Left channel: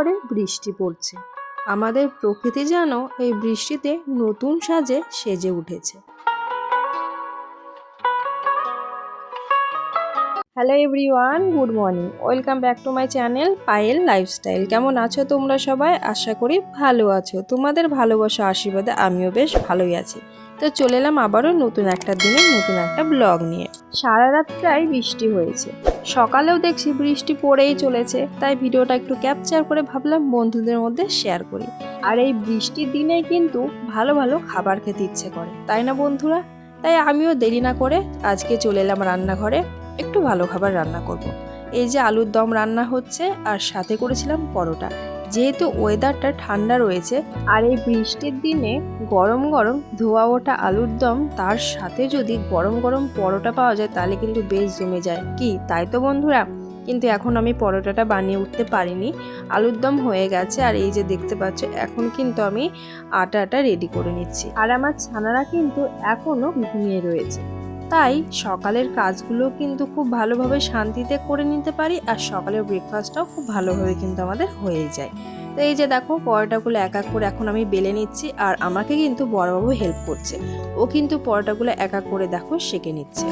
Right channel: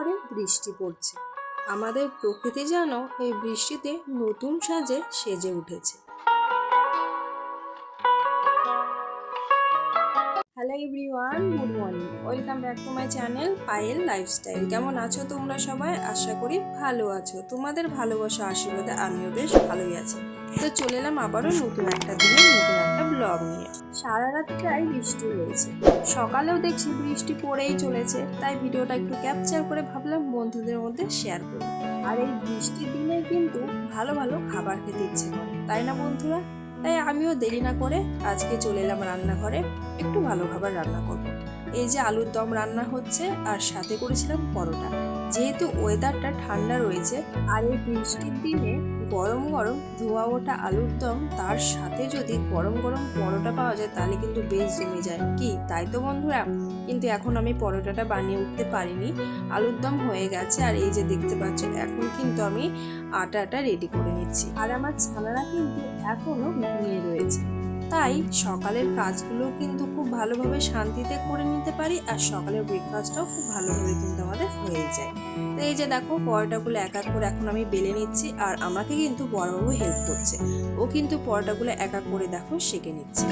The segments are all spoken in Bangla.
করে বৃষ্টি পড়ছে। আমাদের প্রকৃতি যেন এই বৃষ্টিতে নতুন সাজে সেজে উঠেছে। Hello everyone good morning welcome back to my channel Payel lifestyle কেমন আছো তোমরা সবাই? আশা করি ভালো আছো। তোমাদের ভালোবাসা, আশীর্বাদে আমিও বেশ ভালোই আছি। তো চলে এলাম আবারও নতুন একটা দিনে নতুন একটা ব্লগ নিয়ে। সারা রাত প্রায় বৃষ্টি হয়েছে। সকালেও দেখছি বৃষ্টি পড়েই চলেছে, তাই ভিডিওটা একটু ক্যাপচার করে ভাবলাম বন্ধুদের মধ্যে শেয়ার করি। আর এই বৃষ্টির দিনে কিন্তু ভালো ভালো খাবার খেতে ইচ্ছে করে, তাই না বন্ধুরা? তাই আমিও দেরি না করে আজকে চলে এলাম রান্নাঘরে, একটু ভালো খাবার রান্না করব। এই যে আলুর দম রান্না হচ্ছে, আর সাথে করেছিলাম পরোটা। যেহেতু ওয়েদারটা ঠান্ডা রয়েছে, আর এই বৃষ্টির দিনে গরম গরম ধোয়া ওঠা আলুর দম, তার সাথে যদি গরম গরম পরোটা পাওয়া যায়, তাহলে কিন্তু বেশ জমে যায়। কি? তাই তো বন্ধুরা, কিন্তু এখন আমি পরোটাটা বানিয়ে উঠতে পারিনি। আলুর দম হয়ে গেছে, আর এই যে দেখতে পাচ্ছ, এখন কিন্তু আমি আটাটা রেডি করে নিচ্ছি। আর আমার ছানারা কিন্তু এখনও ঘুমিয়ে রয়েছে। তাই সকালের কাজগুলো কিন্তু খুব ভালোভাবে শান্তিতে করে নিতে পারি আর সকালের ব্রেকফাস্টটাও খুব ভালোভাবে কিন্তু আমাদের হয়ে যায়। তো এই যে দেখো, পরোটাগুলো এক এক করে এখন আমি বেলে নিচ্ছি আর আমাকে কিন্তু বড়বাবু হেল্প করছে। ও কিন্তু পরোটাগুলো এক এক করে দেখো সেঁকে নিচ্ছে।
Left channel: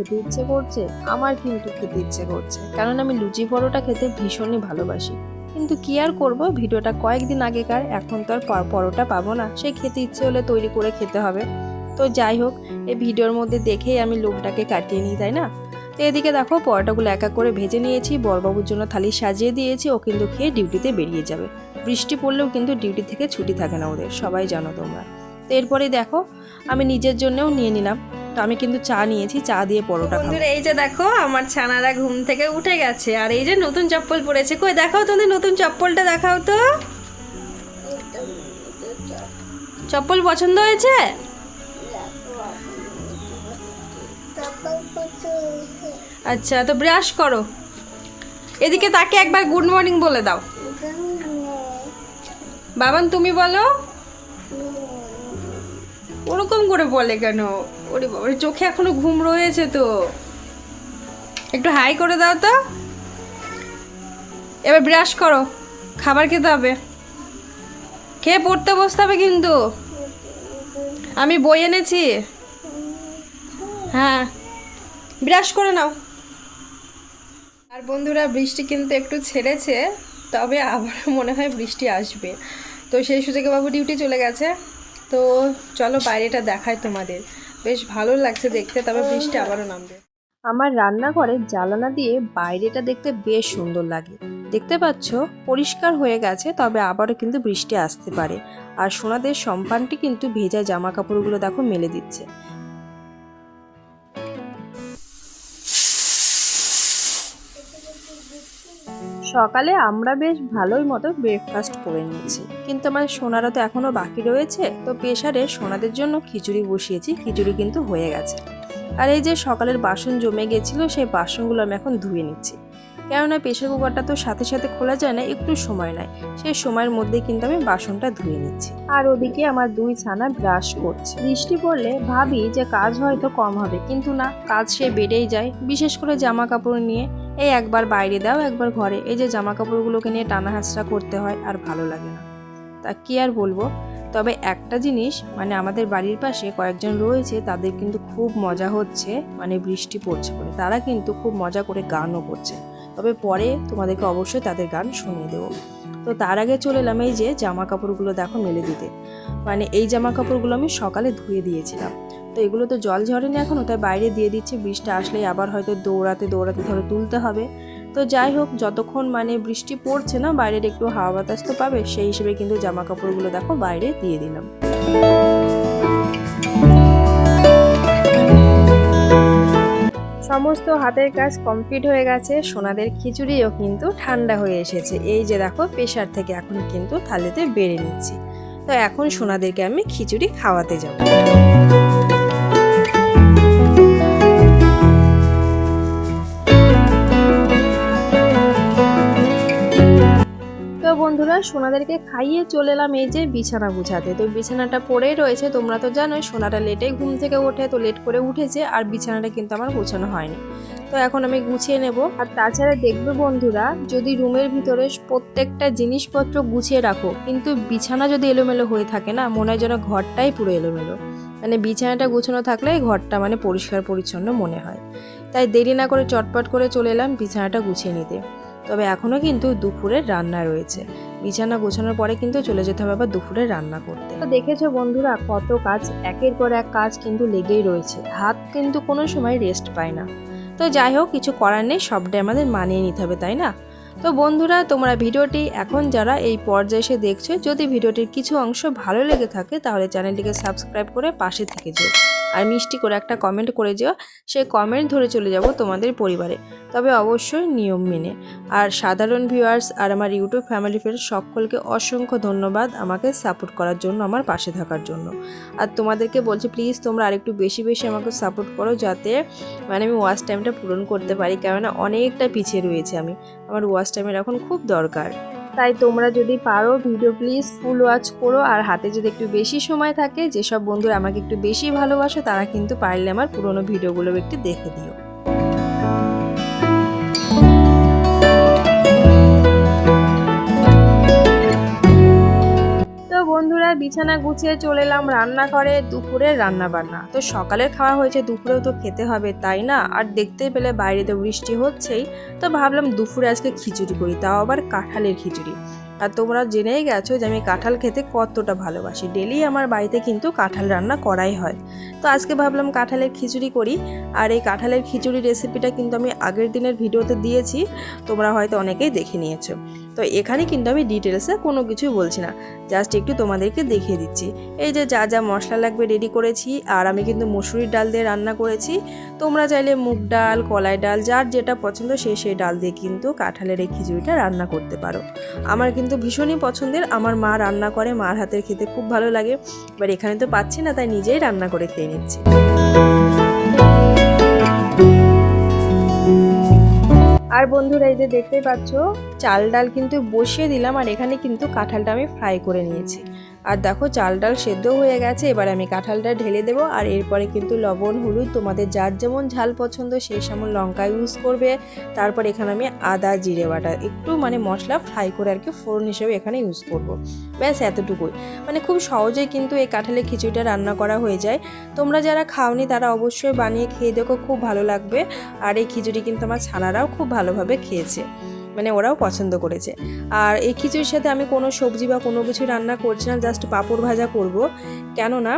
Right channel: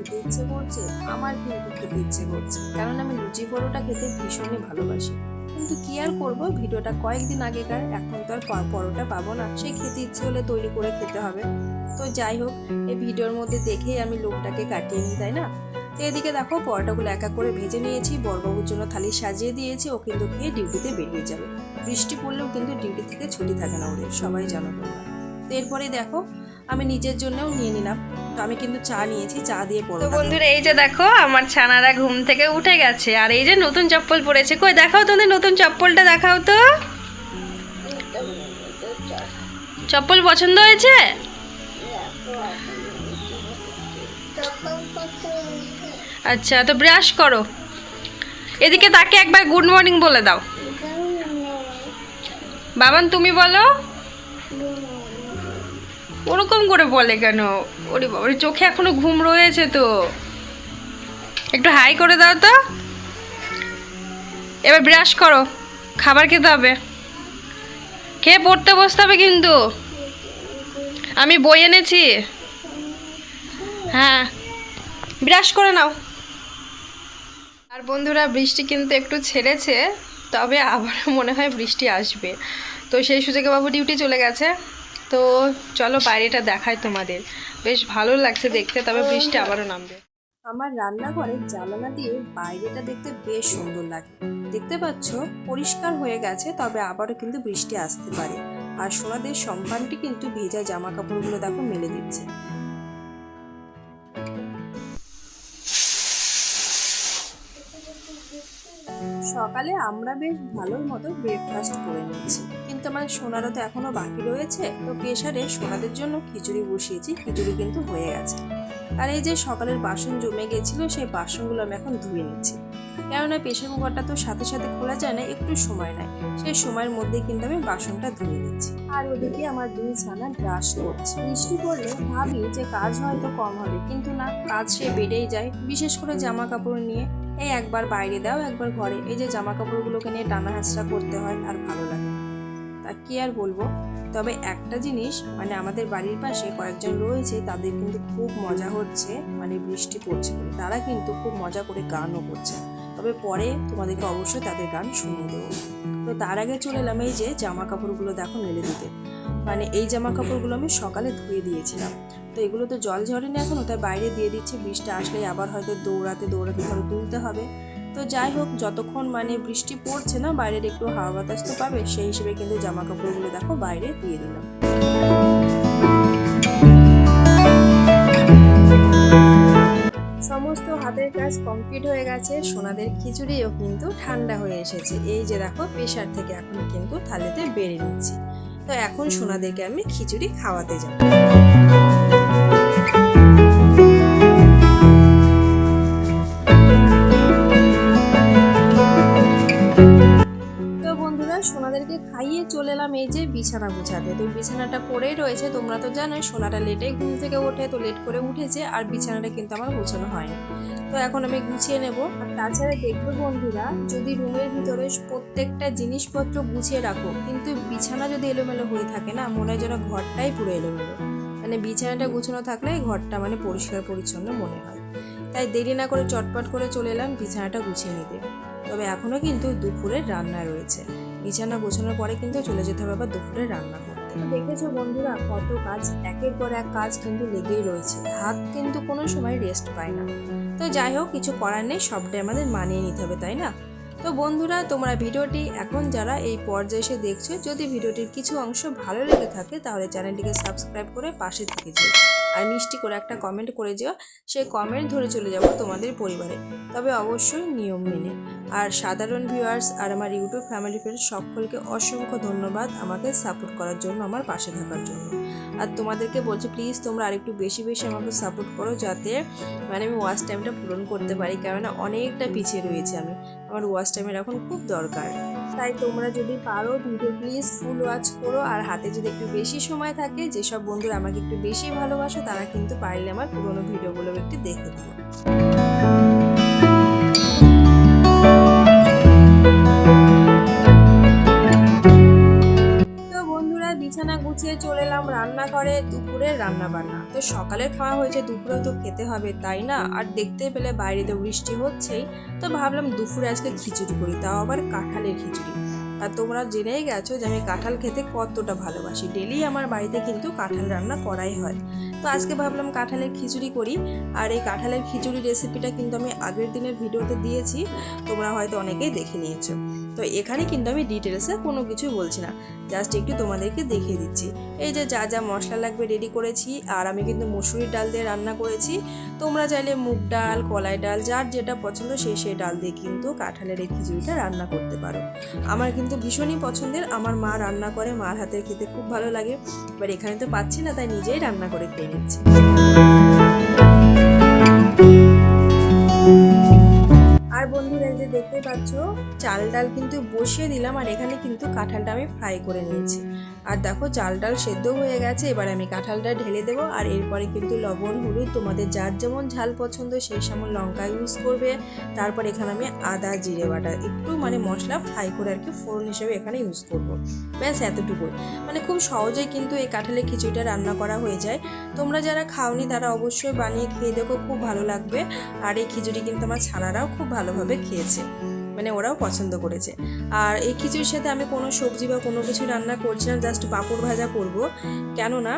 খেতে ইচ্ছে করছে, আমার কিন্তু খেতে ইচ্ছে করছে কারণ আমি লুচি পরোটা খেতে ভীষণই ভালোবাসি। কিন্তু কি আর করব? ভিডিওটা কয়েকদিন আগেকার, এখন তো আর পরোটা পাবো না। সেই খেতে ইচ্ছে হলে তৈরি করে খেতে হবে। তো যাই হোক, এই ভিডিওর মধ্যে দেখেই আমি লোকটাকে কাটিয়ে নিই, তাই না? তো এদিকে দেখো, পরোটাগুলো এক এক করে ভেজে নিয়েছি। বড়বাবুর জন্য থালি সাজিয়ে দিয়েছি। ও কিন্তু খেয়ে ডিউটিতে বেরিয়ে যাবে। বৃষ্টি পড়লেও কিন্তু ডিউটি থেকে ছুটি থাকে না ওদের, সবাই জানো তোমরা। তো এরপরে দেখো, আমি নিজের জন্যও নিয়ে নিলাম। আমি কিন্তু চা নিয়েছি চা দিয়ে তো পরোটা বন্ধুরা এই যে দেখো আমার ছানারা ঘুম থেকে উঠে গেছে। আর এই যে নতুন চপ্পল পরেছে কই দেখাও তোমাদের নতুন চপ্পলটা দেখাও তো। চপ্পল পছন্দ হয়েছে? আচ্ছা তো ব্রাশ করো। এদিকে তাকে একবার গুড মর্নিং বলে দাও। বাবান তুমি বলো। ওরকম করে বলে কেন? ওরে বাবার চোখে এখনও ঘুম রয়েছে তো। একটু হাই করে দাও তো। এবার ব্রাশ করো, খাবার খেতে হবে। খেয়ে পড়তে বসতে হবে কিন্তু। আমি বই এনেছি। হ্যাঁ ব্রাশ করে নাও। আর বন্ধুরা, বৃষ্টি কিন্তু একটু ছেড়েছে, তবে আবার মনে হয় বৃষ্টি আসবে। তো সেই সুযোগে বাবু ডিউটি চলে গেছে। তো চলো বাইরেটা দেখাই তোমাদের। বেশ ভালো লাগছে দেখতে, তবে বৃষ্টি আবারও নামবে। আমার রান্নাঘরে জানালা দিয়ে বাইরেটা দেখতে বেশ সুন্দর লাগে। দেখতে পাচ্ছ, পরিষ্কার হয়ে গেছে, তবে আবারও কিন্তু বৃষ্টি আসতে পারে। আর সোনাদের সম্পানটি কিন্তু ভেজা জামা কাপড়গুলো দেখো মেলে দিচ্ছে। সকালে আমরা বেশ ভালোই মতো ব্রেকফাস্ট করে নিয়েছি। কিন্তু আমার সোনারও তো এখনও বাকি রয়েছে, তো প্রেশারে সোনাদের জন্য খিচুড়ি বসিয়েছি, খিচুড়ি কিন্তু হয়ে গেছে। আর এই যে সকালের বাসন জমে গেছিল, সেই বাসনগুলো আমি এখন ধুয়ে নিচ্ছি। কেননা প্রেশার কুকারটা তো সাথে সাথে খোলা যায় না, একটু সময় নেয়। সেই সময়ের মধ্যে কিন্তু আমি বাসনটা ধুয়ে নিচ্ছি। আর ওদিকে আমার দুই ছানা ব্রাশ করছে। বৃষ্টি পড়লে ভাবি যে কাজ হয়তো কম হবে, কিন্তু না, কাজ সে বেড়েই যায়। বিশেষ করে জামা কাপড় নিয়ে এই একবার বাইরে দাও, একবার ঘরে। এই যে জামা কাপড়গুলোকে নিয়ে টানা হাসরা করতে হয়, আর ভালো লাগে না। তা কি আর বলব? তবে একটা জিনিস মানে আমাদের বাড়ির পাশে কয়েকজন রয়েছে, তাদের কিন্তু খুব মজা হচ্ছে মানে বৃষ্টি পড়ছে বলে। তারা কিন্তু খুব মজা করে গানও করছে। তবে পরে তোমাদেরকে অবশ্যই তাদের গান শুনিয়ে দেবো। তো তার আগে চলে এলাম এই যে জামা কাপড়গুলো দেখো মেলে দিতে। মানে এই জামা কাপড়গুলো আমি সকালে ধুয়ে দিয়েছিলাম। তো এগুলো তো জল ঝরেনি এখনও তাই বাইরে দিয়ে দিচ্ছি। বৃষ্টি আসলেই আবার হয়তো দৌড়াতে দৌড়াতে ধরো তুলতে হবে। তো যাই হোক, যতক্ষণ মানে বৃষ্টি পড়ছে না, বাইরের একটু হাওয়া বাতাস তো পাবে, সেই হিসেবে কিন্তু জামা কাপড়গুলো দেখো বাইরে দিয়ে দিলাম। সমস্ত হাতের কাজ কমপ্লিট হয়ে গেছে, সোনাদের খিচুড়িও কিন্তু ঠান্ডা হয়ে এসেছে। এই যে দেখো প্রেশার থেকে এখন কিন্তু থালিতে বেড়ে নিচ্ছি। তো এখন সোনাদেরকে আমি খিচুড়ি খাওয়াতে যাব। সোনাদেরকে খাইয়ে চলে এলাম এই যে বিছানা গুছাতে। তো বিছানাটা পড়েই রয়েছে, তোমরা তো জানো সোনাটা লেটে ঘুম থেকে ওঠে, তো লেট করে উঠেছে আর বিছানাটা কিন্তু আমার গোছানো হয়নি। তো এখন আমি গুছিয়ে নেব। আর তাছাড়া দেখবে বন্ধুরা, যদি রুমের ভিতরে প্রত্যেকটা জিনিসপত্র গুছিয়ে রাখো, কিন্তু বিছানা যদি এলোমেলো হয়ে থাকে না, মনে হয় যেন ঘরটাই পুরো এলোমেলো। মানে বিছানাটা গুছানো থাকলে ঘরটা মানে পরিষ্কার পরিচ্ছন্ন মনে হয়। তাই দেরি না করে চটপট করে চলে এলাম বিছানাটা গুছিয়ে নিতে। তবে এখনও কিন্তু দুপুরের রান্না রয়েছে। বিছানা গোছানোর পরে কিন্তু চলে যেতে হবে আবার দুপুরে রান্না করতে। তো দেখেছ বন্ধুরা, কত কাজ, একের পর এক কাজ কিন্তু লেগেই রয়েছে। হাত কিন্তু কোনো সময় রেস্ট পায় না। তো যাই হোক, কিছু করার নেই সবটাই আমাদের মানিয়ে নিতে হবে, তাই না? তো বন্ধুরা, তোমরা ভিডিওটি এখন যারা এই পর্যায়ে এসে দেখছ, যদি ভিডিওটির কিছু অংশ ভালো লেগে থাকে, তাহলে চ্যানেলটিকে সাবস্ক্রাইব করে পাশে থেকে যেও। আর মিষ্টি করে একটা কমেন্ট করে যেও। সেই কমেন্ট ধরে চলে যাব তোমাদের পরিবারে। তবে অবশ্যই নিয়ম মেনে। আর সাধারণ ভিউয়ার্স আর আমার ইউটিউব ফ্যামিলি ফ্রেন্ড সকলকে অসংখ্য ধন্যবাদ আমাকে সাপোর্ট করার জন্য, আমার পাশে থাকার জন্য। আর তোমাদেরকে বলছি প্লিজ তোমরা আরেকটু বেশি বেশি আমাকে সাপোর্ট করো যাতে মানে আমি ওয়াচ টাইমটা পূরণ করতে পারি। কেননা অনেকটা পিছিয়ে রয়েছে আমি। আমার ওয়াচ টাইমের এখন খুব দরকার। তাই তোমরা যদি পারো ভিডিও প্লিজ ফুল ওয়াচ করো। আর হাতে যদি একটু বেশি সময় থাকে, যেসব বন্ধুরা আমাকে একটু বেশি ভালোবাসো, তারা কিন্তু পারলে আমার পুরোনো ভিডিওগুলো একটু দেখে দিও। এলাম রান্নাঘরে দুপুরের রান্না বান্না তো সকালের খাওয়া হয়েছে, দুপুরেও তো খেতে হবে, তাই না? আর দেখতে পেলে বাইরে তো বৃষ্টি হচ্ছেই। তো ভাবলাম দুপুরে আজকে খিচুড়ি করি, তাও আবার কাঁঠালের খিচুড়ি। আর তোমরা জেনেই গেছো যে আমি কাঁঠাল খেতে কতটা ভালোবাসি। ডেলি আমার বাড়িতে কিন্তু কাঁঠাল রান্না করাই হয়। তো আজকে ভাবলাম কাঁঠালের খিচুড়ি করি। আর এই কাঁঠালের খিচুড়ি রেসিপিটা কিন্তু আমি আগের দিনের ভিডিওতে দিয়েছি। তোমরা হয়তো অনেকেই দেখে নিয়েছো। তো এখানে কিন্তু আমি ডিটেলসে কোনো কিছুই বলছি না। জাস্ট একটু তোমাদেরকে দেখিয়ে দিচ্ছি। এই যে যা যা মশলা লাগবে রেডি করেছি, আর আমি কিন্তু মসুরির ডাল দিয়ে রান্না করেছি। তোমরা চাইলে মুগ ডাল, কলাই ডাল, যার যেটা পছন্দ সে সেই ডাল দিয়ে কিন্তু কাঁঠালের এই খিচুড়িটা রান্না করতে পারো। আমার কিন্তু ভীষণই পছন্দের। আমার মা রান্না করে, মার হাতের খেতে খুব ভালো লাগে। এবার এখানে তো পাচ্ছি না, তাই নিজেই রান্না করে খেয়ে নিচ্ছি। আর বন্ধুরা, এই যে দেখতে পাচ্ছ চাল ডাল কিন্তু বসিয়ে দিলাম আর এখানে কিন্তু কাঁঠালটা আমি ফ্রাই করে নিয়েছি। আর দেখো চাল ডাল সেদ্ধ হয়ে গেছে, এবার আমি কাঁঠালটা ঢেলে দেবো। আর এরপরে কিন্তু লবণ, হলুদ, তোমাদের যার যেমন ঝাল পছন্দ সেই সময় লঙ্কা ইউজ করবে। তারপর এখানে আমি আদা, জিরে বাটা, একটু মানে মশলা ফ্রাই করে আর কি ফোড়ন হিসেবে এখানে ইউজ করব। ব্যাস এতটুকুই মানে খুব সহজেই কিন্তু এই কাঁঠালের খিচুড়িটা রান্না করা হয়ে যায়। তোমরা যারা খাওনি তারা অবশ্যই বানিয়ে খেয়ে দেখো, খুব ভালো লাগবে। আর এই খিচুড়ি কিন্তু আমার ছানারাও খুব ভালোভাবে খেয়েছে। মানে ওরাও পছন্দ করেছে। আর এই খিচুড়ির সাথে আমি কোনো সবজি বা কোনো কিছু রান্না করছি না জাস্ট পাঁপড় ভাজা করব। কেননা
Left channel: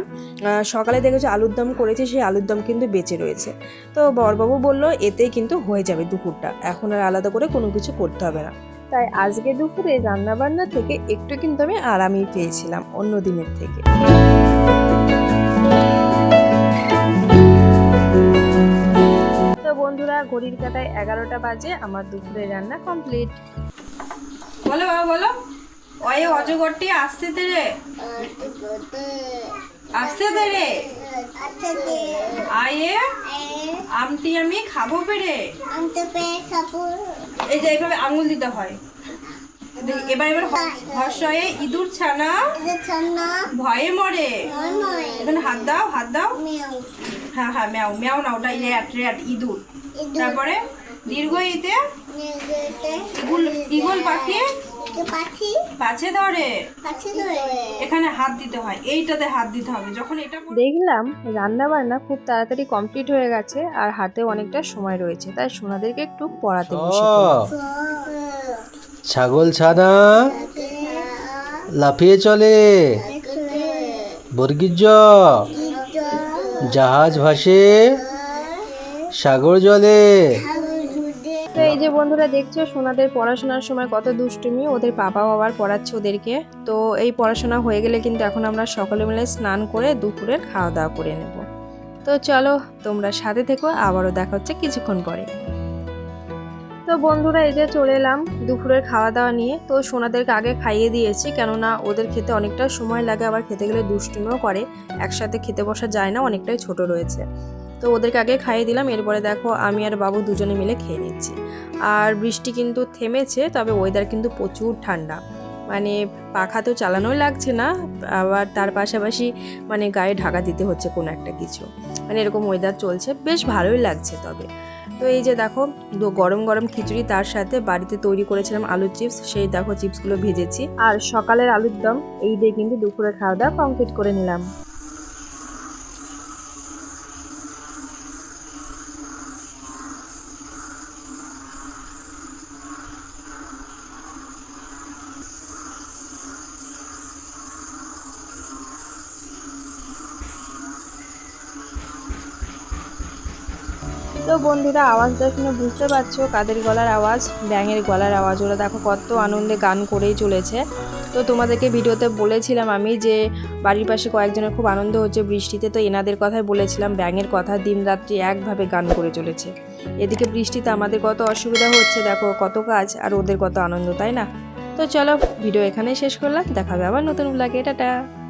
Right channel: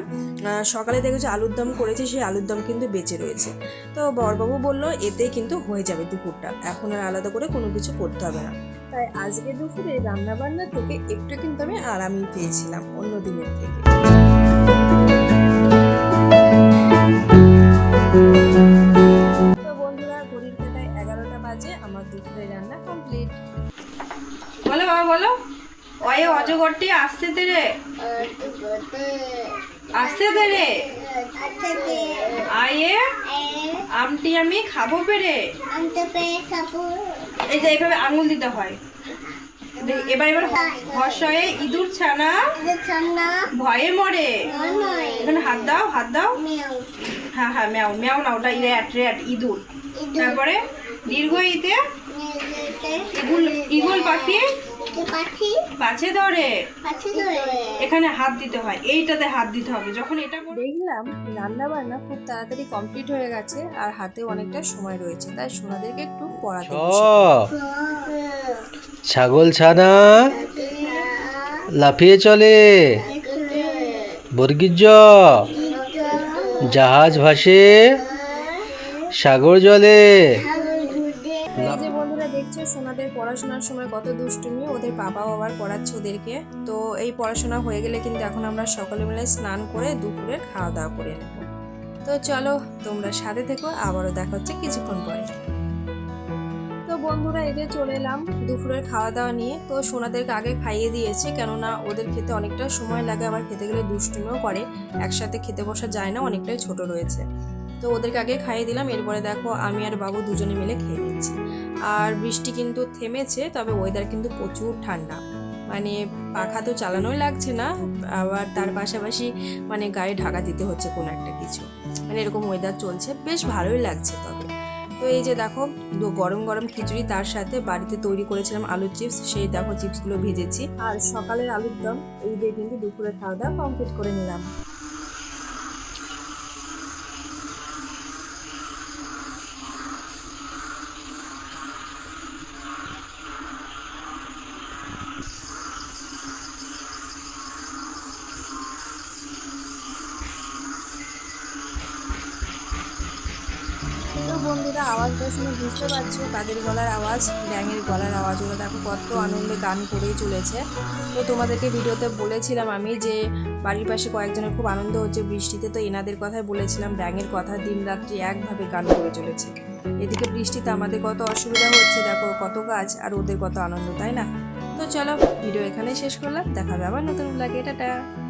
সকালে দেখেছ আলুর দম করেছি, সেই আলুর দম কিন্তু বেঁচে রয়েছে। তো বরবাবু বলল, এতেই কিন্তু হয়ে যাবে দুপুরটা। এখন আর আলাদা করে কোনো কিছু করতে হবে না। তাই আজকে দুপুরে রান্না বান্না থেকে একটু কিন্তু আমি আরামই পেয়েছিলাম অন্য দিনের থেকে। ঘড়ির কাটায় এগারোটা বাজে, আমার দুপুরের রান্না কমপ্লিট বলো বাবা, বলো। ওই অজগরটি আসছে তে রে। আসছে তে রে। আয়ে, আমটি আমি খাব পেরে এই যে এইভাবে আঙুল দিতে হয়। এবার এবার হর্ষয়ে ইঁদুর ছানা। ভয়ে মরে। এখানে হাত দাও হাত দাও। হ্যাঁ হ্যাঁ ম্যাও ম্যাও না ওটা র্যাট ইঁদুর। তারপরে দীর্ঘ ইতে ইগুল ইগল পাখি। পাছে ধরে। এখানে হাত দিতে হয়। এইটাতে হাত দিতে হবে। যখন এটা দেখলাম রান্না বান্না খুব তাড়াতাড়ি কমপ্লিট হয়ে গেছে আর হাতে অনেকটা সময় রয়েছে। তাই সোনাদেরকে একটু পড়াতে ছাগল ছানা। লাফিয়ে চলে। বর্গিজ জাহাজ ভাসে। সাগর জলে। তো এই যে বন্ধুরা দেখছ, সোনাদের পড়াশোনার সময় কত দুষ্টুমি, ওদের বাবা বাবার পড়াচ্ছে ওদেরকে। তো এই পড়াশোনা হয়ে গেলে কিন্তু এখন আমরা সকলে মিলে স্নান করে দুপুরের খাওয়া দাওয়া করে নেব। তো চলো, তোমরা সাথে থেকো, আবারও দেখা হচ্ছে কিছুক্ষণ পরে। তো বন্ধুরা, এই যে চলে এলাম দুপুরের খাওয়া দাওয়া নিয়ে। তো সোনাদেরকে আগে খাইয়ে দিয়েছি, কেননা ওদের খেতে অনেকটা সময় লাগে, আবার খেতে গেলে দুষ্টুমিও করে। একসাথে খেতে বসা যায় না, অনেকটাই ছোট রয়েছে। তো ওদেরকে আগে খাইয়ে দিলাম, এরপরে দেখো আমি আর বাবু দুজনে মিলে খেয়ে নিচ্ছি। আর বৃষ্টি কিন্তু থেমেছে, তবে ওয়েদার কিন্তু প্রচুর ঠান্ডা। মানে পাখা তো চালানোই লাগছে না, আবার তার পাশাপাশি মানে গায়ে ঢাকা দিতে হচ্ছে কোনো একটা কিছু। মানে এরকম ওয়েদার চলছে, বেশ ভালোই লাগছে তবে। তো এই যে দেখো গরম গরম খিচুড়ি তার সাথে বাড়িতে তৈরি করেছিলাম আলুর চিপস, সেই দেখো চিপসগুলো ভেজেছি। আর সকালের আলুর দম, এই দিয়ে কিন্তু দুপুরে খাওয়া দাওয়া কমপ্লিট করে নিলাম। বন্ধুরা, আওয়াজটা শুনে বুঝতে পারছ, কাদের গলার আওয়াজ? ব্যাঙের গলার আওয়াজ, ওরা দেখো কত আনন্দে গান করেই চলেছে। তো তোমাদেরকে ভিডিওতে বলেছিলাম আমি যে, বাড়ির পাশে কয়েকজনের খুব আনন্দ হচ্ছে বৃষ্টিতে, তো এনাদের কথাই বলেছিলাম, ব্যাঙের কথা দিন রাত্রি একভাবে গান করে চলেছে। এদিকে বৃষ্টিতে আমাদের কত অসুবিধা হচ্ছে, দেখো কত কাজ, আর ওদের কত আনন্দ, তাই না? তো চলো, ভিডিও এখানেই শেষ করলাম দেখাবে আবার নতুন লাগে টাটা!